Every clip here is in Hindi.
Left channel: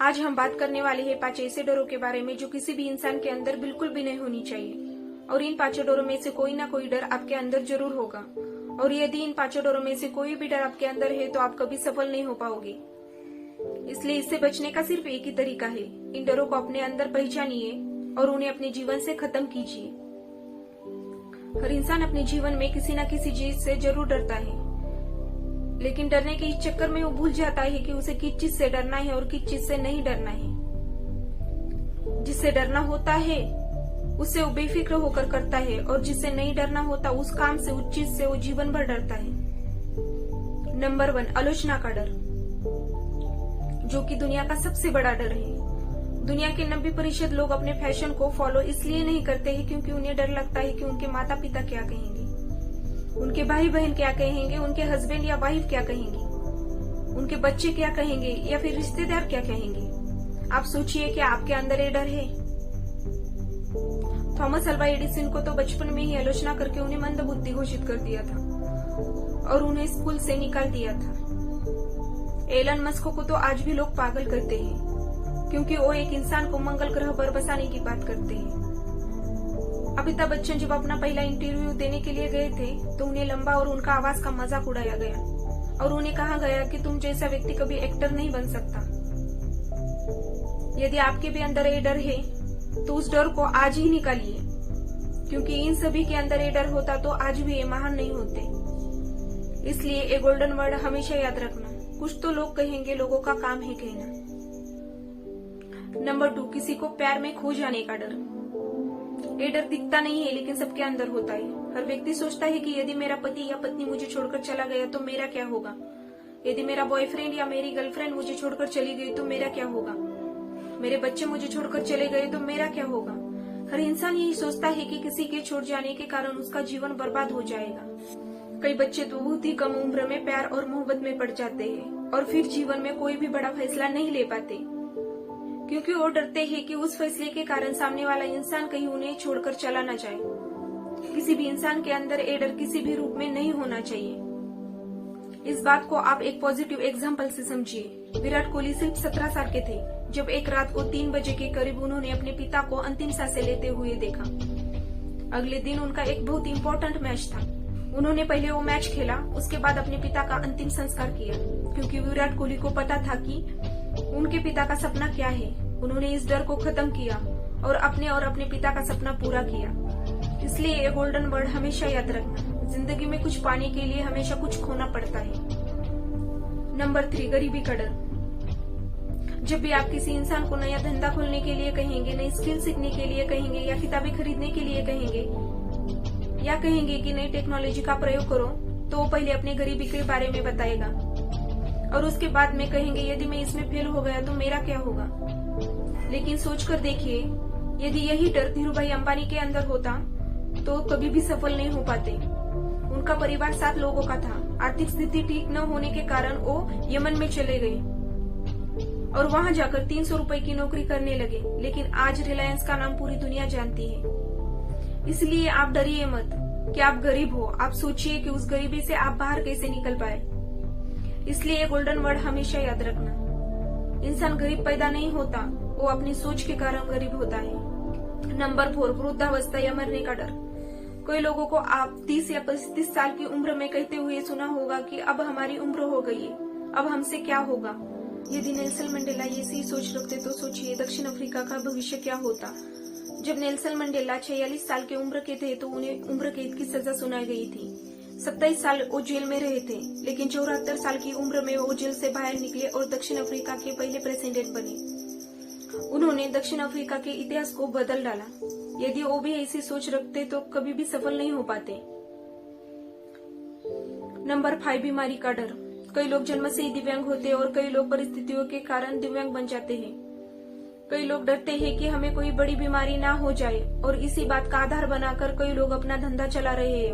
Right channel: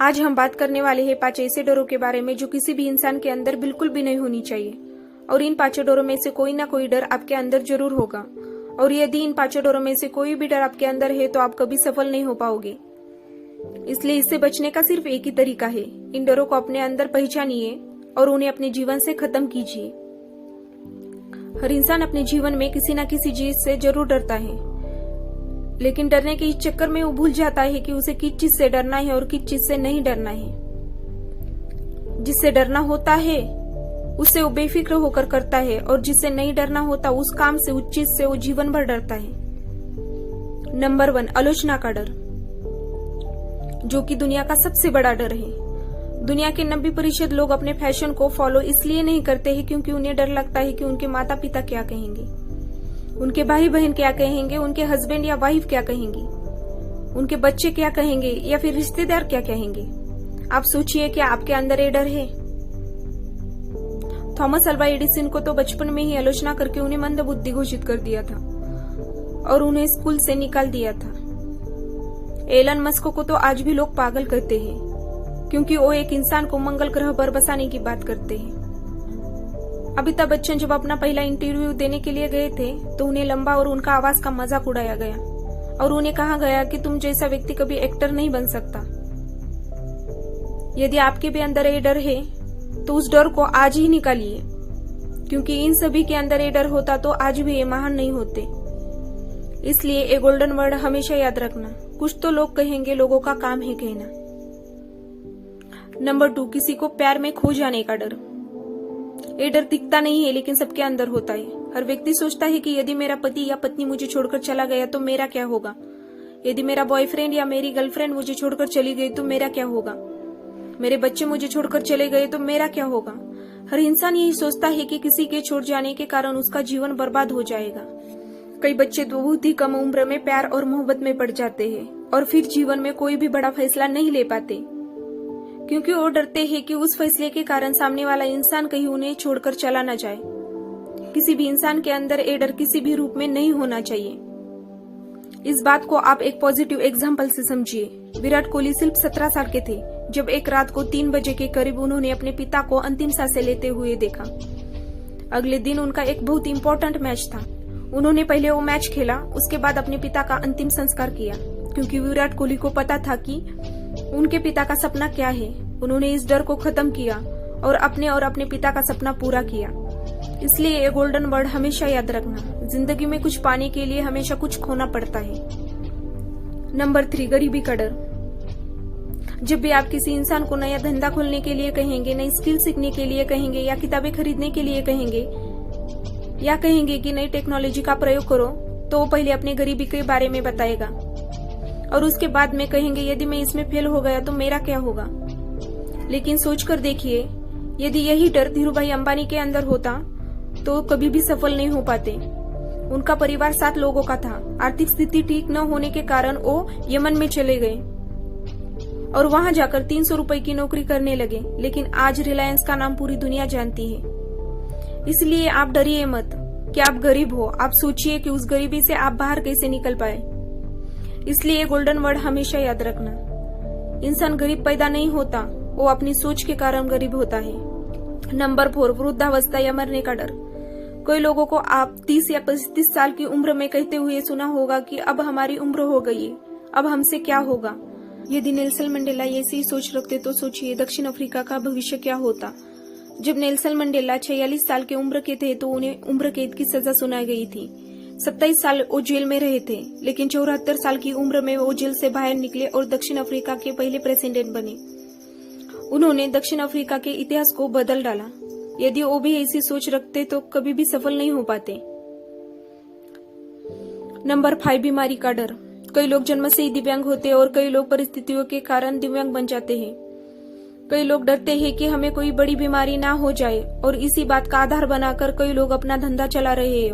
आज हम बात करने वाले हैं 5 ऐसे डरों के बारे में जो किसी भी इंसान के अंदर बिल्कुल भी नहीं होनी चाहिए। और इन 5 डरों में से कोई ना कोई डर आपके अंदर जरूर होगा। और यदि इन 5 डरों में से कोई भी डर आपके अंदर है तो आप कभी सफल नहीं हो पाओगे। इसलिए इससे बचने का सिर्फ एक ही तरीका है, इन डरों को अपने अंदर पहचानिए और उन्हें अपने जीवन से खत्म कीजिए। हर इंसान अपने जीवन में किसी न किसी चीज से जरूर डरता है, लेकिन डरने के इस चक्कर में वो भूल जाता है कि उसे किस चीज से डरना है और किस चीज से नहीं डरना है। जिससे डरना होता है उससे वो बेफिक्र होकर करता है, और जिससे नहीं डरना होता उस काम से, उस चीज से वो जीवन भर डरता है। नंबर 1, आलोचना का डर, जो कि दुनिया का सबसे बड़ा डर है। दुनिया के 90% लोग अपने फैशन को फॉलो इसलिए नहीं करते हैं क्योंकि उन्हें डर लगता है कि उनके माता पिता क्या कहेंगे, उनके भाई बहन क्या कहेंगे, उनके हस्बैंड या वाइफ क्या कहेंगे, उनके बच्चे क्या कहेंगे, या फिर रिश्तेदार क्या कहेंगे। आप सोचिए क्या आपके अंदर ये डर है? थॉमस अल्वा एडिसन को तो बचपन में ही आलोचना करके उन्हें मंदबुद्धि घोषित कर दिया था और उन्हें स्कूल से निकाल दिया था। एलन मस्क को तो आज भी लोग पागल करते हैं क्योंकि वो एक इंसान को मंगल ग्रह पर बसाने की बात करते हैं। अमिताभ बच्चन जब अपना पहला इंटरव्यू देने के लिए गए थे तो उन्हें लंबा और उनका आवाज का मजाक उड़ाया गया और उन्हें कहा गया कि तुम जैसा व्यक्ति कभी एक्टर नहीं बन सकता। यदि आपके भी अंदर ये डर है तो उस डर को आज ही निकालिए, क्योंकि इन सभी के अंदर ये डर होता तो आज भी ये महान नहीं होते। इसलिए ये गोल्डन वर्ड हमेशा याद रखना, कुछ तो लोग कहेंगे, लोगों का काम है कहना। नंबर 2, किसी को प्यार में खो जाने का डर। ये डर दिखता नहीं है लेकिन सबके अंदर होता है। हर व्यक्ति सोचता है कि यदि मेरा पति या पत्नी मुझे छोड़कर चला गया तो मेरा क्या होगा, यदि मेरा बॉयफ्रेंड या मेरी गर्लफ्रेंड मुझे छोड़कर चली गई तो मेरा क्या होगा, मेरे बच्चे मुझे छोड़कर चले गए तो मेरा क्या होगा। हर इंसान यही सोचता है कि किसी के छोड़ जाने के कारण उसका जीवन बर्बाद हो जाएगा। कई बच्चे तो बहुत ही कम उम्र में प्यार और मोहब्बत में पड़ जाते हैं और फिर जीवन में कोई भी बड़ा फैसला नहीं ले पाते, क्योंकि वो डरते हैं कि उस फैसले के कारण सामने वाला इंसान कहीं उन्हें छोड़कर चला न जाए। किसी भी इंसान के अंदर ये डर किसी भी रूप में नहीं होना चाहिए। इस बात को आप एक पॉजिटिव एग्जाम्पल से समझिए। विराट कोहली सिर्फ 17 साल के थे जब एक रात को 3 बजे के करीब उन्होंने अपने पिता को अंतिम सांसें लेते हुए देखा। अगले दिन उनका एक बहुत इंपॉर्टेंट मैच था। उन्होंने पहले वो मैच खेला, उसके बाद अपने पिता का अंतिम संस्कार किया, क्योंकि विराट कोहली को पता था कि उनके पिता का सपना क्या है। उन्होंने इस डर को खत्म किया और अपने पिता का सपना पूरा किया। इसलिए ये गोल्डन वर्ड हमेशा याद रखना, जिंदगी में कुछ पाने के लिए हमेशा कुछ खोना पड़ता है। नंबर 3, गरीबी का डर। जब भी आप किसी इंसान को नया धंधा खोलने के लिए कहेंगे, नई स्किल सीखने के लिए कहेंगे, या किताबें खरीदने के लिए कहेंगे, या कहेंगे कि नई टेक्नोलॉजी का प्रयोग करो, तो वो पहले अपने गरीबी के बारे में बताएगा और उसके बाद में कहेंगे यदि मैं इसमें फेल हो गया तो मेरा क्या होगा। लेकिन सोचकर देखिए, यदि यही डर धीरूभाई अंबानी के अंदर होता तो कभी भी सफल नहीं हो पाते। उनका परिवार 7 लोगों का था। आर्थिक स्थिति ठीक न होने के कारण वो यमन में चले गए और वहां जाकर 300 रुपए की नौकरी करने लगे, लेकिन आज रिलायंस का नाम पूरी दुनिया जानती है। इसलिए आप डरिए मत कि आप गरीब हो, आप सोचिए कि उस गरीबी से आप बाहर कैसे निकल पाए। इसलिए गोल्डन वर्ड हमेशा याद रखना, इंसान गरीब पैदा नहीं होता, वो अपनी सोच के कारण गरीब होता है। नंबर 4, वृद्धावस्था या मरने का डर। कई लोगों को आप 30 या 35 साल की उम्र में कहते हुए सुना होगा कि अब हमारी उम्र हो गई है, अब हमसे क्या होगा। यदि नेल्सन मंडेला ऐसी सोच रखते तो सोचिए दक्षिण अफ्रीका का भविष्य क्या होता। जब नेल्सन मंडेला 46 साल की उम्र के थे तो उन्हें उम्र कैद की सजा सुनाई गई थी। 27 साल वो जेल में रहे थे, लेकिन 74 साल की उम्र में वो जेल से बाहर निकले और दक्षिण अफ्रीका के पहले प्रेसिडेंट बने। उन्होंने दक्षिण अफ्रीका के इतिहास को बदल डाला। यदि वो भी ऐसी सोच रखते तो कभी भी सफल नहीं हो पाते। नंबर 5, बीमारी का डर। कई लोग जन्म से ही दिव्यांग होते हैं और कई लोग परिस्थितियों के कारण दिव्यांग बन जाते हैं। कई लोग डरते हैं कि हमें कोई बड़ी बीमारी ना हो जाए और इसी बात का आधार बनाकर कई लोग अपना धंधा चला रहे हैं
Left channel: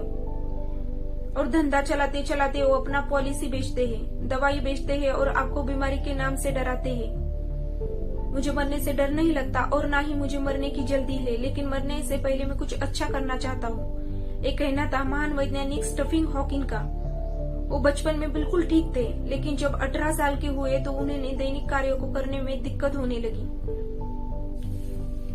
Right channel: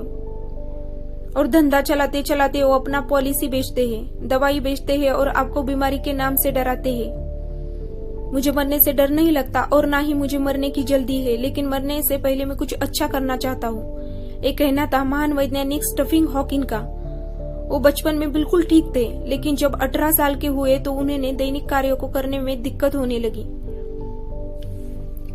और धंधा चलाते चलाते वो अपना पॉलिसी बेचते हैं, दवाई बेचते हैं और आपको बीमारी के नाम से डराते हैं। मुझे मरने से डर नहीं लगता और ना ही मुझे मरने की जल्दी है, लेकिन मरने से पहले मैं कुछ अच्छा करना चाहता हूँ। एक कहना था महान वैज्ञानिक स्टीफन हॉकिंग का। वो बचपन में बिल्कुल ठीक थे, लेकिन जब 18 साल के हुए तो उन्हें दैनिक कार्यों को करने में दिक्कत होने लगी।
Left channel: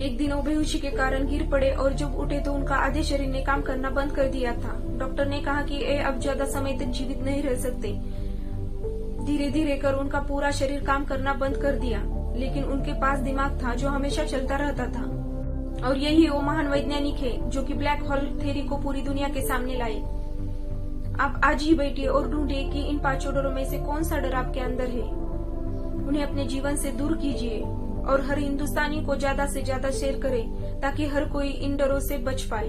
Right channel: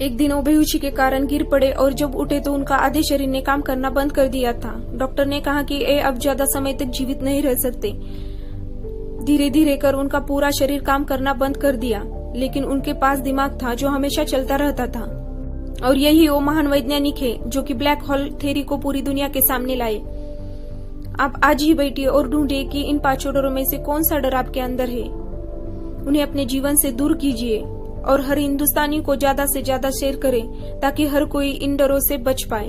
एक दिन वो बेहोशी के कारण गिर पड़े और जब उठे तो उनका आधे शरीर ने काम करना बंद कर दिया था। डॉक्टर ने कहा कि ये अब ज्यादा समय तक जीवित नहीं रह सकते। धीरे धीरे कर उनका पूरा शरीर काम करना बंद कर दिया, लेकिन उनके पास दिमाग था जो हमेशा चलता रहता था। और यही वो महान वैज्ञानिक है जो कि ब्लैक होल थ्योरी को पूरी दुनिया के सामने लाए। आप आज ही बैठिए और ढूंढिए कि इन 5 डरों में से कौन सा डर आपके अंदर है। उन्हें अपने जीवन से दूर कीजिए और हर हिंदुस्तानी को ज्यादा से ज्यादा शेयर करें ताकि हर कोई इन डरों से बच पाए।